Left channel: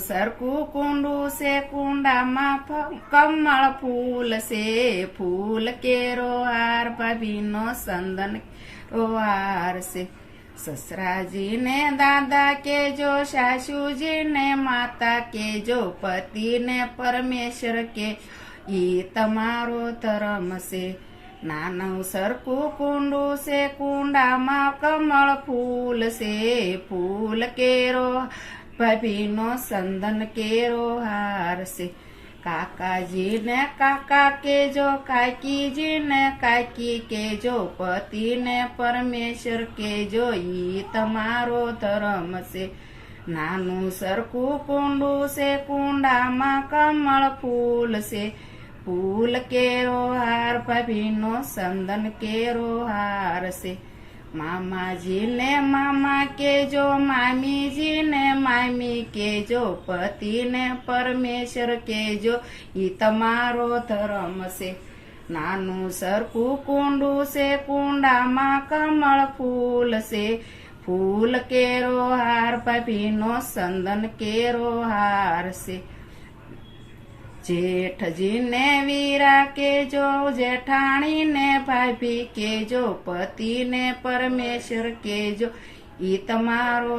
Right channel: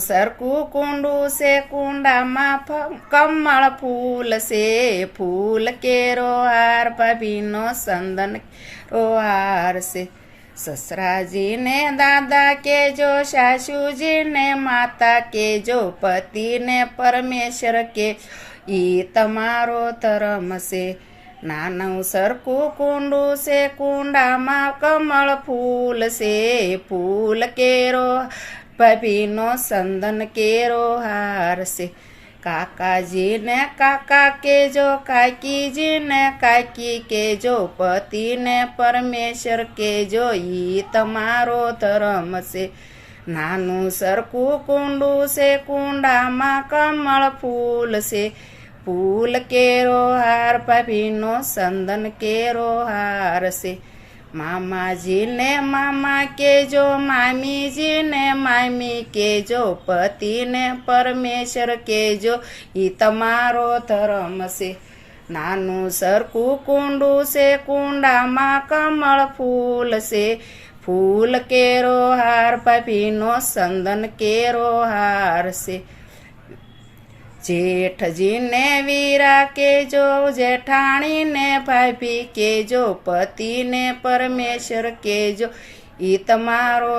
સરખું કુંડું છે કુંડામાં કમળ ફૂલ છે ફૂલ કેરો હાર ભાભીનો સંદન કેરો હાર છે સસરાજીને દાદા કેજો સાસુજીને માતા કેજો પતિને પરમેશ્વર કે ઈ તમારો ધર્મ છે નાનું સરખું કુંડું છે કુંડામાં કમળ ફૂલ છે ફૂલ કેરો ભાભીનો સંદન કેરો હાર છે કાકાજીને કાકા કેજો કાકીજીને કાકી કેજો પતિને પરમેશ્વર કેજો ઈ તમારો ધર્મ છે નાનું સરખું કુંડું છે કુંડામાં કમળ ફૂલ છે ફૂલ કેરો હાર ભાભીનો સંદન કેરો હાર છે મામાજીને મામા કેજો મામીજીને મામી કેજો પતિને પરમેશ્વર કેજો ઈ તમારો ધર્મ છે નાનું સરખું કુંડું છે કુંડામાં કમળ ફૂલ છે ફૂલ કેરો હાર ભાભીનો સંદન કેરો હાર છે જેઠજીને વીરા કેજો જેઠાણીને ભાભી કેજો પતિને પરમેશ્વર કેજો ઈ તમારો